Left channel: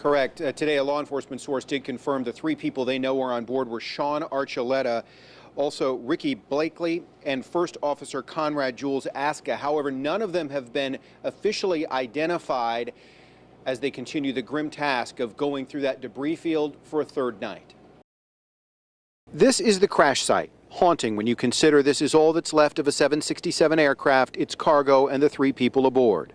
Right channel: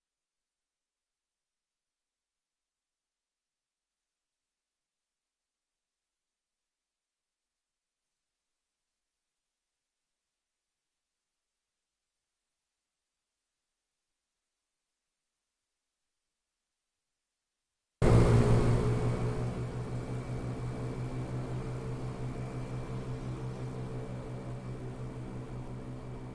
Correct. Today, a law enforcement source did confirm the 3 people they know are on board were Sean Archuleta, also Ricky Blakely, and First Officer Conrad Jules Aska. However, none of them have been officially identified as they continue the grim task of going through that debris field for a 3rd night. This is the crash site. Haunting when you consider this is all that's left of a 767 aircraft, its cargo, and the 3 people aboard.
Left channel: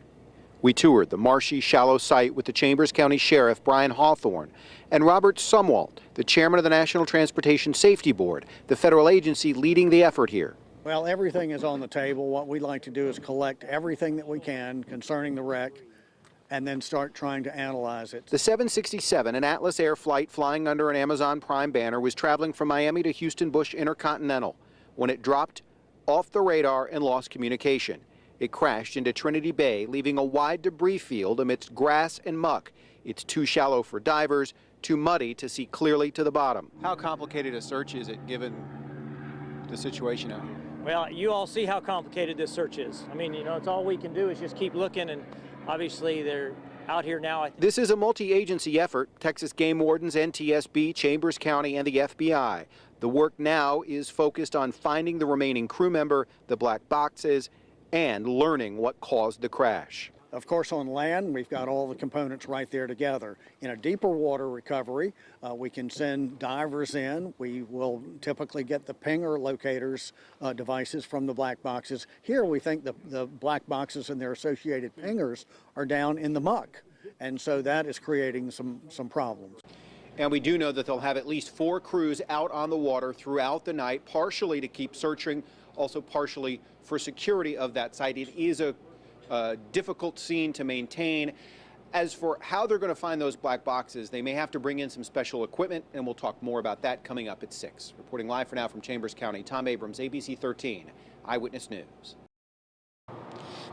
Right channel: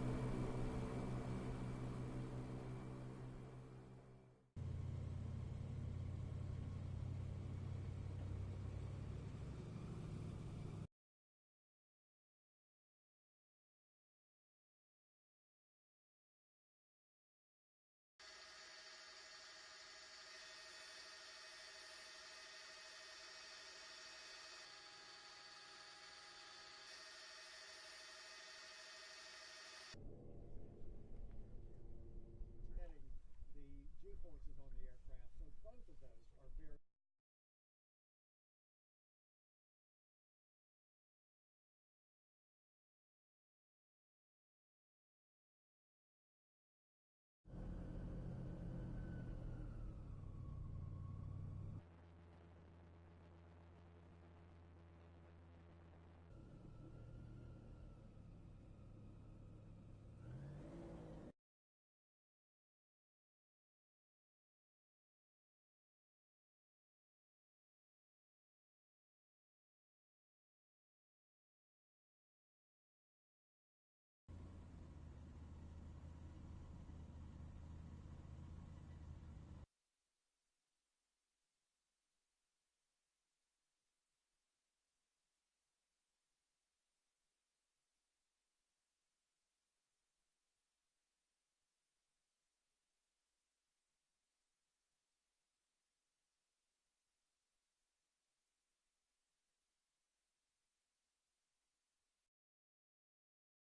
We toured the marshy, shallow site with the Chambers County Sheriff Brian Hawthorne and Robert Sumwalt, the chairman of the National Transportation Safety Board, the federal agency leading the effort here. Well, everything is on the table. What we'd like to do is collect everything that we can concerning the wreck and then start trying to analyze it. The 767, an Atlas Air flight flying under an Amazon Prime banner, was traveling from Miami to Houston Bush Intercontinental when it dropped off the radar and lost communication. It crashed into Trinity Bay, leaving a wide debris field amidst grass and muck. It's too shallow for divers, too muddy to see clearly to the bottom. How complicated a search is it given the situation out here? Well, you all see how complicated this search is. I mean, it's all we can do is just keep looking, and obviously they're out here now. This is a multi-agency effort. Texas Game Wardens, NTSB, Chambers County, and the FBI. The work now is focused on finding the remaining crew member, the black boxes, and learning what caused the crash. Of course, on land, we've got all the components right there together. In a deeper water recovery, we can send divers in. We will typically get the pinger locators devices from the black boxes. Here, we think the black boxes and their associated pingers are down in the muck, and so that is creating some problems. And we do know that they'll have at least 4 crews out on the water throughout the night, partially to keep searching, also partially for security of that site. It is a difficult scene to maintain. As for how they're going to find those black boxes, they may have to bring in some special equipment, and we'll talk more about that coming up at 6. Reporting live for now from Chambers County, Tom Abrams, ABC 13 Eyewitness News.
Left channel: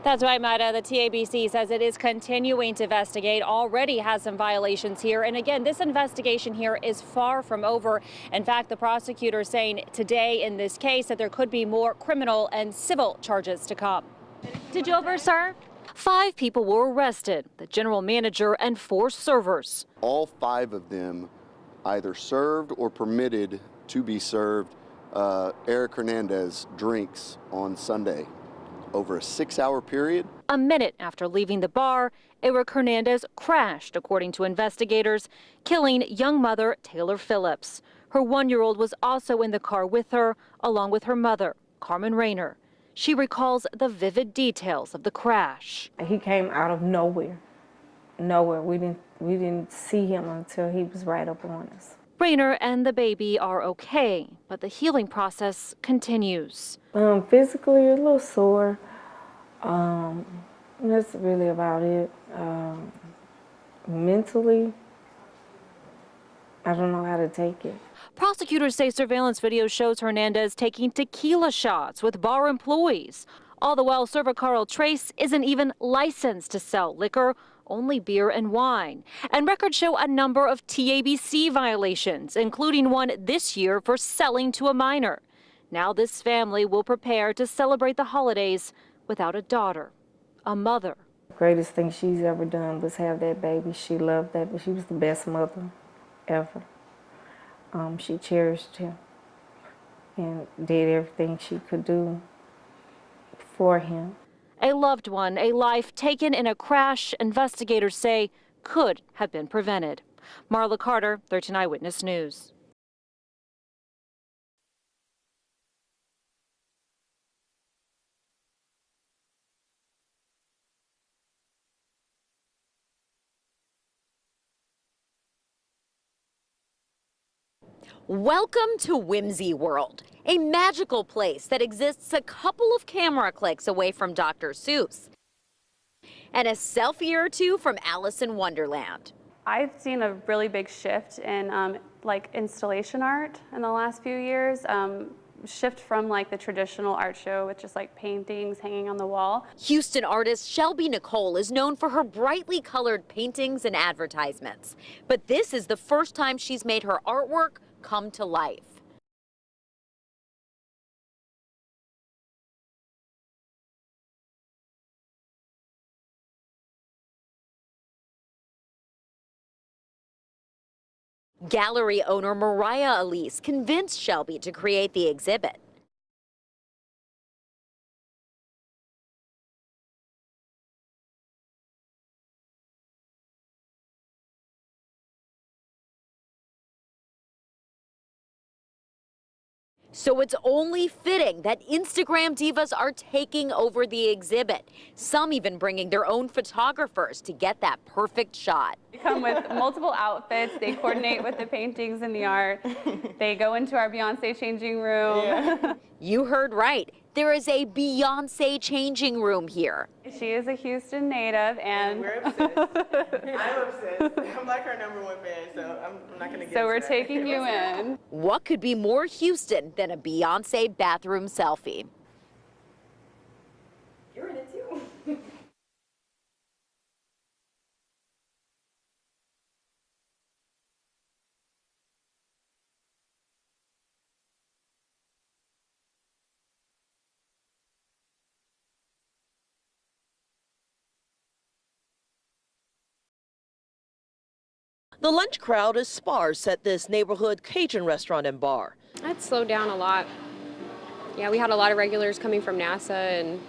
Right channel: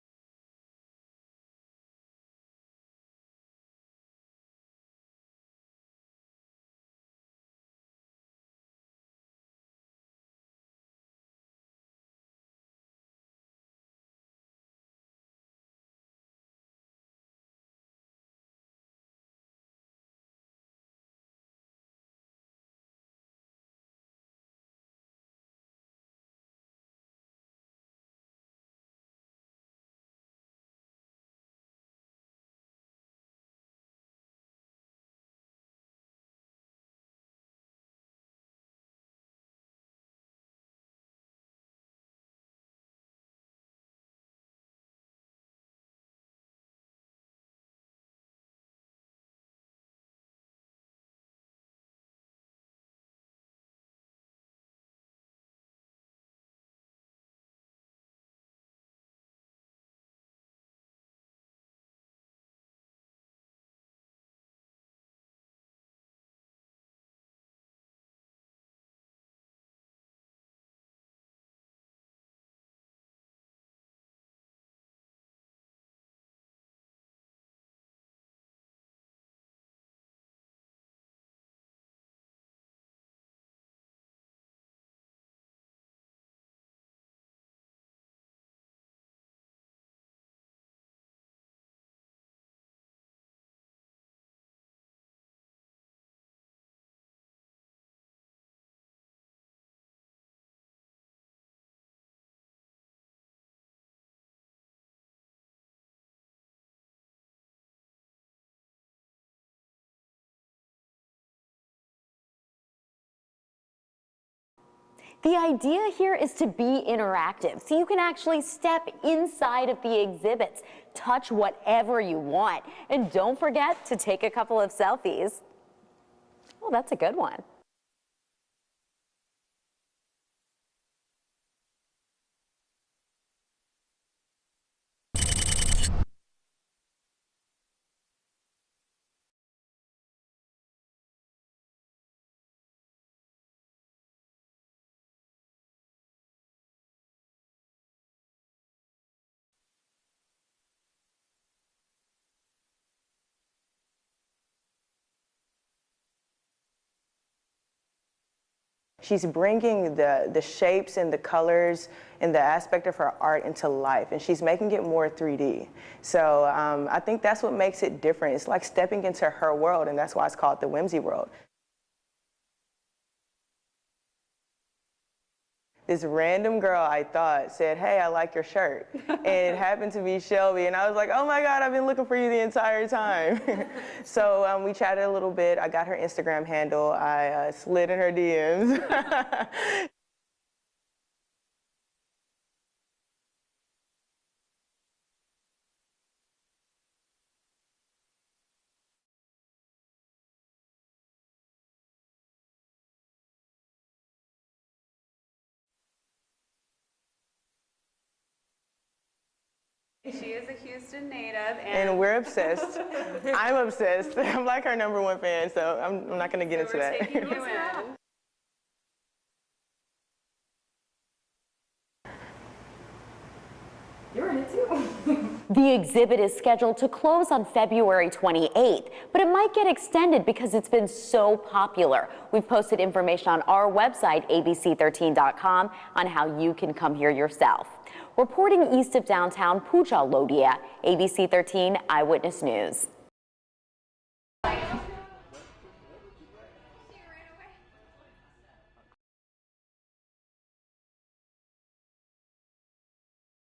That's right, Maida. The TABC says it is continuing to investigate, already has some violations here. And again, this investigation here is far from over. In fact, the prosecutor is saying today in this case that there could be more criminal and civil charges to come. Did you over-serve? 5 people were arrested, the general manager and 4 servers. All 5 of them either served or permitted to be served Eric Hernandez drinks on Sunday over a 6-hour period. A minute after leaving the bar, Eric Hernandez crashed, according to investigators, killing young mother Taylor Phillips. Her 1-year-old was also in the car with her, along with her mother, Carmen Rayner. She recalls the vivid details of the crash. He came out of nowhere. We didn't see him until he was right up on us. Rayner and the baby are okay, but the healing process continues. Physically, a little sore. That's really about it. Mentally, I don't know how to take it. Prosecutors say surveillance video shows Hernandez taking tequila shots with bar employees. All the while, server Carl Trace isn't even licensed to sell liquor, only beer and wine. And records show a number of TABC violations, including one this year for selling to a minor. Now this family will prepare to celebrate the holidays without a daughter, a mother. The greatest thing she's ever done was have that baby. She loved that, but she was the best mother ever. She cherished him and did everything she could do for him. A loved one, a life taken in a crash investigators say could have been prevented. Marla Carter, 13 Eyewitness News. The idea here is to be interactive, so you can actually step inside of the exhibits, touch whatever you want, and don't forget to take a couple of selfies. Well, that's a good one. Welcome to Whimsy World, a magical place that exists a couple of camera clicks away from Dr. Seuss and a selfie or two from Alice in Wonderland. I've seen a really big shift in like installation art in the last few years. Shift from like the traditional art show with just like paintings hanging on the wall. Houston artist Shelby Nicole is known for her brightly colored paintings and advertisements. But this is the first time she's made her artwork come to life. She's bringing the shapes and the colors and the aspect of her art into life, and she's making it more 3D. So I think that's what makes it different. It's like stepping into her world, and that's why it's called the Whimsy World. Gallery owner Mariah Elise convinced Shelby to create the exhibit. This random girl, I thought, said, "Hey, I like your shirt." And it happened to be Shelby. And I was like, "Oh my God, I've been looking for you the entire time." So we chatted a little bit. I got her Instagram handle. I slid in her DMs. So it's only fitting that Instagram divas are taking over the exhibit. Some even bringing their own photographers to get that perfect shot. They come with multiple outfits. They coordinate with the paintings and the art. They go into our Beyonce changing room. Yeah. You heard right. There is a Beyonce changing room here. She is a Houston native, And we're obsessed. I'm obsessed. I'm like her #1 fan, so I'm not going to get into that. So we're taking you in. What could be more Houston than a Beyonce bathroom selfie? You're in it too. The exhibit is scheduled to close on February 28th, but it might get extended because it's been so popular. We've posted information on our website, abc13.com, on how you can come here yourself. Reporting east of downtown Puja Lodia, ABC 13 Eyewitness News. The lunch crowd is sparse at this neighborhood Cajun restaurant and bar. That's slowed down a lot. Yeah, we had a lot of regulars coming from NASA, and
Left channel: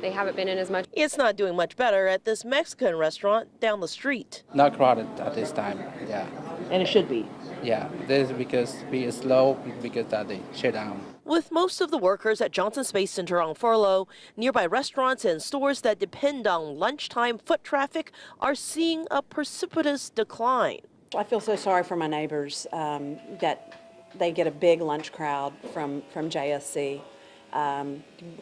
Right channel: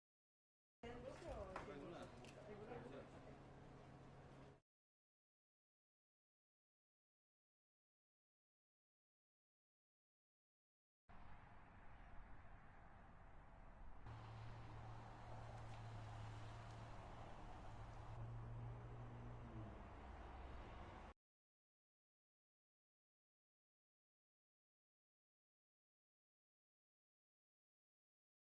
they haven't been in as much. It's not doing much better at this Mexican restaurant down the street. Not crowded at this time, yeah. And it should be. Yeah, this is because be slow because that they shut down. With most of the workers at Johnson Space Center on furlough, nearby restaurants and stores that depend on lunchtime foot traffic are seeing a precipitous decline. I feel so sorry for my neighbors that they get a big lunch crowd from JSC.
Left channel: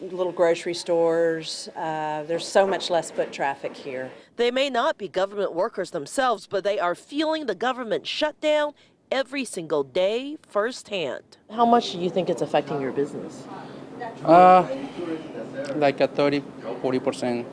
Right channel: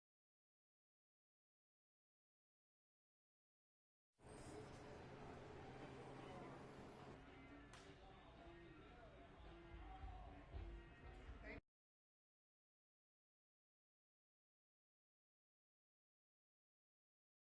Little grocery stores, there's so much less foot traffic here. They may not be government workers themselves, but they are feeling the government shutdown every single day firsthand. How much do you think it's affecting your business? Like a 30-40%.